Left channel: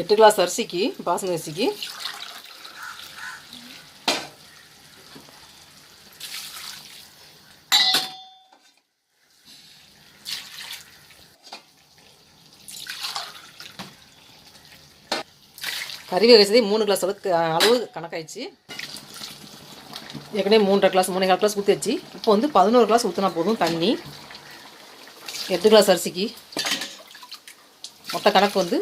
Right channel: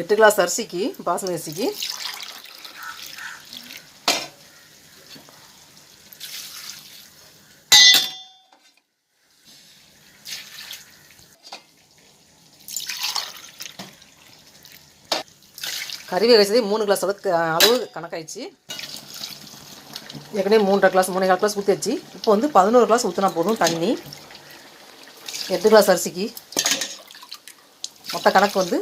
8 class அரிசிக்கு, பாசுமதி அரிசிக்கு கறி வேக வச்சதே 3 கிளாஸ் அளவு கணக்காயிடுச்சு. ஏற்கனவே 3.5 கிளாஸ் 3.25 கிளாஸ் ஊற்றியாச்சு. இப்போ வந்து 11 கிளாஸ் ஊற்றினா போதும் தண்ணி. 8 கிளாஸ் அரிசிக்கு மொத்த கணக்கு வந்து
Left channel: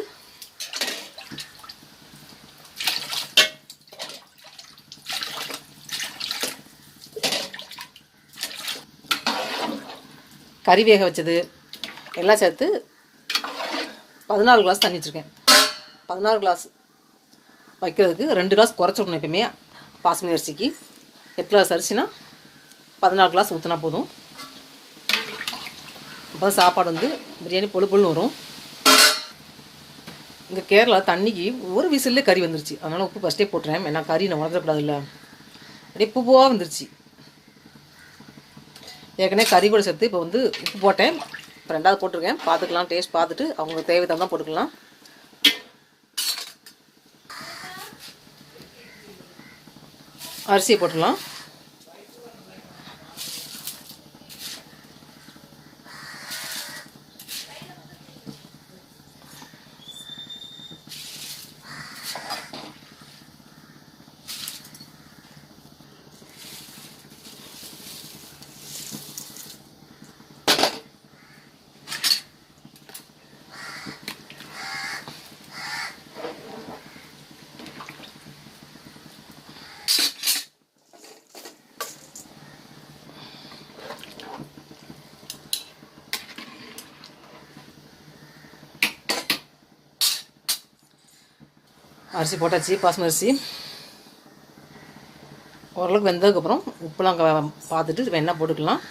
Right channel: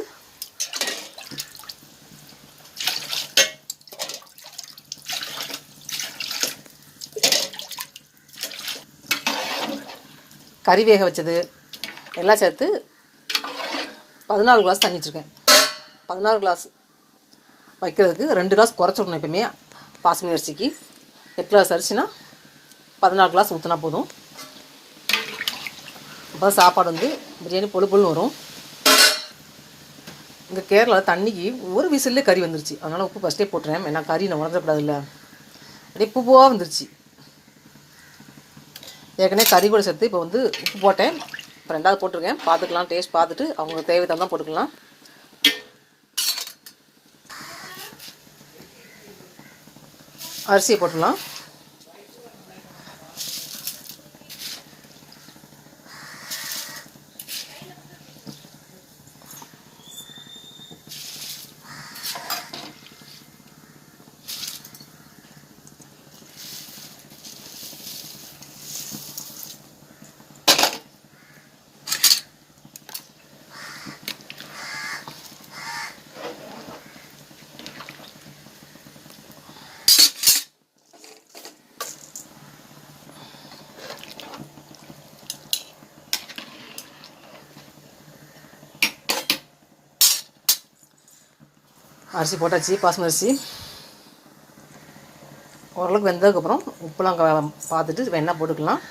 கறி வேக வச்சது எல்லாம் சேர்த்து 14 கிளாஸ் தண்ணி வச்சுருக்கேன். 16 கிளாஸ் வைக்கிறதுக்கு 2 கிளாஸ் குறைச்சிடணும். எப்பவுமே பாசுமதி அரிசிக்கு 8 கிளாஸ் அரிசினா 14 கிளாஸ் ஊற்றினா போதும். அப்போ சாப்பாடு வந்து பிரியாணி பொழு பொழுன்னு வரும். இங்கே கேரளா தண்ணிக்கு ஒரு விசிலே கறி வந்துருச்சு. அதனால் உப்பு ஃபஸ்ட்டே போட்டுறேன். ஏன்னா கறி நான் உணர்ந்துடக்கூடாதுல்ல. அப்படியே பூவாக வந்துருச்சு. ஏற்கனவே கறி கூட சேர்த்து இப்போ வந்து உப்பு போட்டேன். இப்போ 2வது போட்டிருக்கேன். பார்த்துக்கலாம், டேஸ்ட் பார்த்துட்டு அவங்க தேவை தான் போட்டுக்கலாம். அரிசியை போட்டுடலாம். அரிசி போட்டாச்சு. பாசுமதி அரிசி ஓரளவுக்கு வெந்ததுக்கப்புறம் உப்புலாம் பார்த்துட்டு வெண்ணெய் போட்டுக்கலாம்.